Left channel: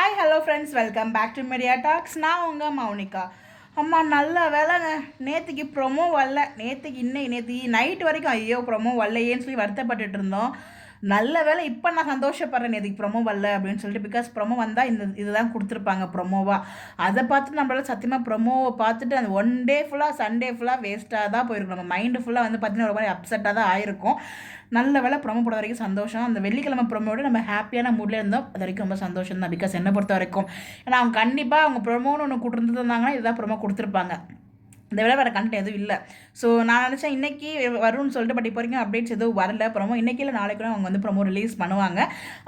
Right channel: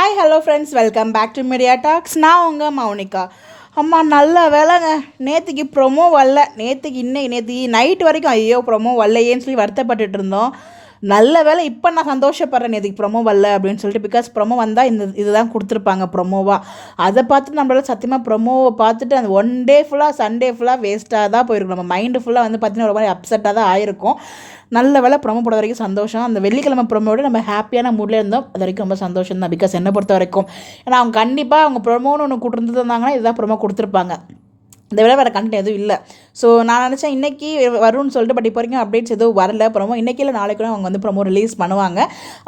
Hi hello friends, welcome back to media talks. நான் உங்கள் மௌனிகா. அம்மா நல்ல வேலைங்க, நேற்றுக்கு ப்ரொமோ வரல. நேற்றுக்கு நைட்டு வரைக்கும் ஐயோ ப்ரொமோ வரலையேன்னு சொல்லி வருத்தப்பட்டுட்டு இருந்தோம். நல்ல வேலை இப்போ நான் சந்தோஷப்படுறேன் நேற்றுக்கு ப்ரொமோ வரல அப்படின்னு சொல்லிட்டு. பிகாஸ் ப்ரொமோ வந்தால் இதுதான் கொடுத்துருப்பாங்க ப்ரொமோவாக. அதை பார்த்துட்டு நம்மளால சத்தியமாக ப்ரொமோவை பார்த்துட்டு அந்த ஒன் டே ஃபுல்லாக சண்டே ஃபுல்லாக வேஸ்ட்டாக தான் போயிருக்கும். நம்ம மைண்டு ஃபுல்லாக வந்து பார்த்திங்கன்னா ஒரு மாதிரி அப்செட்டாக தான் ஆயிருக்கும். நல்ல வேலை ப்ரொமோ போட வரைக்கும் சந்தோஷம். அந்த வெள்ளிக்கிழமை ப்ரொமோட நம்ம ஹாப்பியான மூடில் இருந்தோம். அது வரைக்கும் ரொம்ப சந்தோஷம் தான். பிகாஸ் என்னை பொறுத்த வரைக்கும் ஏன்னா அவங்க கண்டிப்பாக அவங்க ப்ரொமோன்னு ஒன்று கொடுத்துருந்தாங்கன்னா இதுதான் ப்ரொமோ கொடுத்துருப்பாங்க. இந்த விட வேறு கண்டென்ட் எதுவும் இல்லை. ஸோ நான் நினச்சேன் இன்றைக்கி வரும்னு சொல்லிட்டு, பட் இப்போ வரைக்கும் அப்டேட்ஸ் எதுவும் வரல. ப்ரொமோ இன்றைக்கி இல்லை நாளைக்கு அவங்க வந்து ப்ரொமோ ரிலீஸ் பண்ணுவாங்க.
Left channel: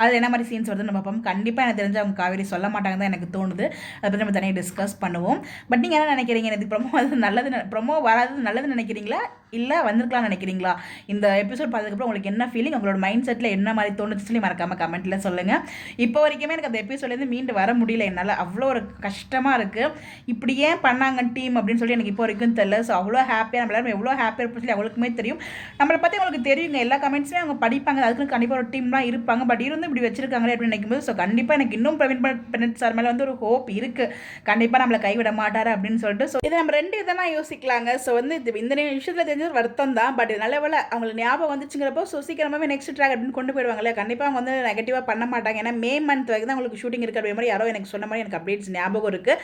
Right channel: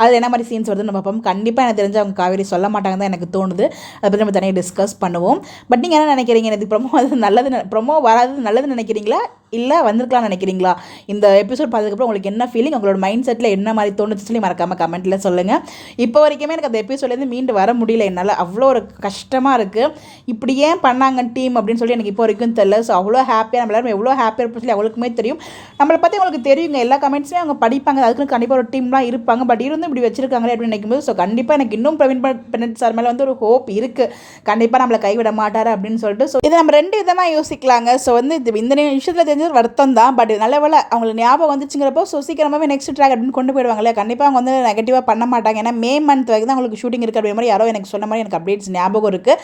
அது என்ன மாதிரி சீன்ஸ் வருதுன்னு பார்ப்போம். கண்டிப்பாக எனக்கு தெரிஞ்சு அவங்க காவேரி சொல்ல மாட்டாங்க தான் எனக்கு தோணுது. அதை பற்றி நம்ம தனியாக டிஸ்கஸ் பண்ணுவோம். பட் நீங்கள் என்ன நினைக்கிறீங்க? எனக்கு ப்ரொமோ அது நல்லது, ப்ரொமோ வராது நல்லதுன்னு நினைக்கிறீங்களா இல்லை வந்திருக்கலாம்னு நினைக்கிறீங்களா? இந்த எபிசோட் பார்த்ததுக்கப்புறம் உங்களுக்கு என்ன ஃபீலிங், உங்களோட மைண்ட் செட்டில் என்ன மாதிரி தோணுச்சு சொல்லி மறக்காமல் கமெண்ட்டில் சொல்லுங்கள். இப்போ வரைக்குமே எனக்கு அந்த எபிசோட்லேருந்து மீண்டு வர முடியல என்னால். அவ்வளோ ஒரு கஷ்டமாக இருக்குது. இப்படி ஏன் பண்ணாங்க டீம் அப்படின்னு சொல்லி எனக்கு இப்போ வரைக்கும் தெரியல. ஸோ அவ்வளோ ஹாப்பியாக நம்ம எல்லாரும் எவ்வளோ ஹாப்பியாக இருப்போம் சொல்லி அவங்களுக்குமே தெரியும். நம்மளை பற்றி அவங்களுக்கு தெரியுங்க. எல்லா கமெண்ட்ஸுமே அவங்க படிப்பாங்க. அதுக்குன்னு கண்டிப்பாக ஒரு டீம்லாம் இருப்பாங்க. பட் இருந்தும் இப்படி வச்சிருக்காங்களே அப்படின்னு நினைக்கும்போது ஸோ கண்டிப்பாக எனக்கு இன்னும் பிரவீன் பனட் சார் மேலே வந்து ஒரு ஹோப் இருக்குது. கண்டிப்பாக நம்மளை கைவிட மாட்டார் அப்படின்னு சொல்லிட்டு. ஸோ இதை நம்ம ரெண்டு விதமாக யோசிக்கலாங்க. ஸோ வந்து இந்த விஷயத்தில் தெரிஞ்ச வருத்தம் தான். பட் நல்ல வேலை அவங்களுக்கு ஞாபகம் வந்துச்சுங்கிறப்போ ஸோ சீக்கிரமாகவே நெக்ஸ்ட் ட்ராக் அப்படின்னு கொண்டு போயிடுவாங்களே. கண்டிப்பாக அவங்க வந்து நெகட்டிவாக பண்ண மாட்டாங்க. ஏன்னா மே மந்த் வரைக்கும் தான் அவங்களுக்கு ஷூட்டிங் இருக்குது அப்படிங்கிற மாதிரி யாரோ எனக்கு சொன்ன மாதிரி எனக்கு அப்டேட்ஸ் ஞாபகம் இருக்குது.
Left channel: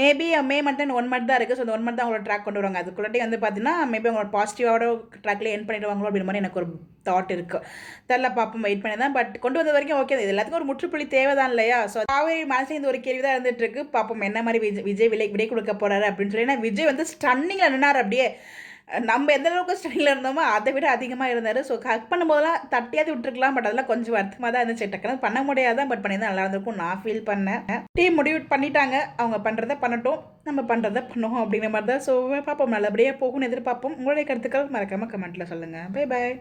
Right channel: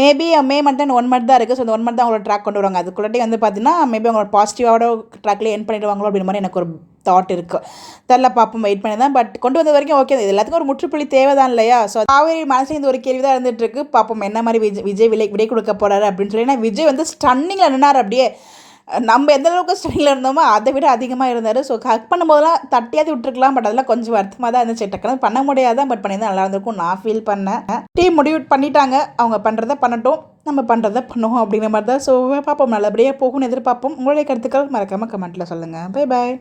Maybe May month and 1 month தான் இருக்குது. ஸோ அந்த 1 மந்த் தான் அவங்களோட ட்ராக் கொண்டு வருவாங்க. அதுக்குள்ளே வந்து பார்த்தீங்கன்னா மேபி அவங்களோட பாசிட்டிவான ட்ராக்லேயே என் பண்ணிடுவாங்களோ அப்படின்ற மாதிரி எனக்கு ஒரு தாட் இருக்குது. தெரில, பார்ப்போம், வெயிட் பண்ணி தான். பட் கொண்டு வந்த வரைக்கும் ஓகே. இது எல்லாத்துக்கும் ஒரு முற்றுப்புள்ளி தேவை தான் இல்லையா? ஸோ காவேரி மனசில் இந்த ஒரு கேள்வி தான் இருந்துட்டு இருக்கு. பார்ப்போம் என்ன மாதிரி விஜய் விடை கொடுக்க போகிறாரு அப்படின்னு சொல்லி. ஏன்னா விஜய் வந்து ஸ்டன்னிங்கில் நின்னார். அப்படியே நம்ம எந்த அளவுக்கு ஸ்டன்னிங்கில் இருந்தோமோ அதை விட அதிகமாக இருந்தார். ஸோ ஹக் பண்ணும்போதெல்லாம் தட்டியாவது விட்டுருக்கலாம். பட் அதெல்லாம் கொஞ்சம் வருத்தமாக தான் இருந்துச்சு. டக்குனு பண்ண முடியாதான். பட் பண்ணி தான் நல்லா இருந்திருக்கும் நான் ஃபீல் பண்ணேன். டீம் முடிவு பண்ணிட்டாங்க. அவங்க பண்ணுறதை பண்ணட்டும், நம்ம பண்ணுறதை பண்ணுவோம் அப்படிங்கிற மாதிரி தான். ஸோ பார்ப்போம், நல்லபடியாக போகும்னு எதிர்பார்ப்போம். உங்களுடைய கருத்துக்கள் மறக்காமல் கமெண்ட்டில் சொல்லுங்கள். Bye bye.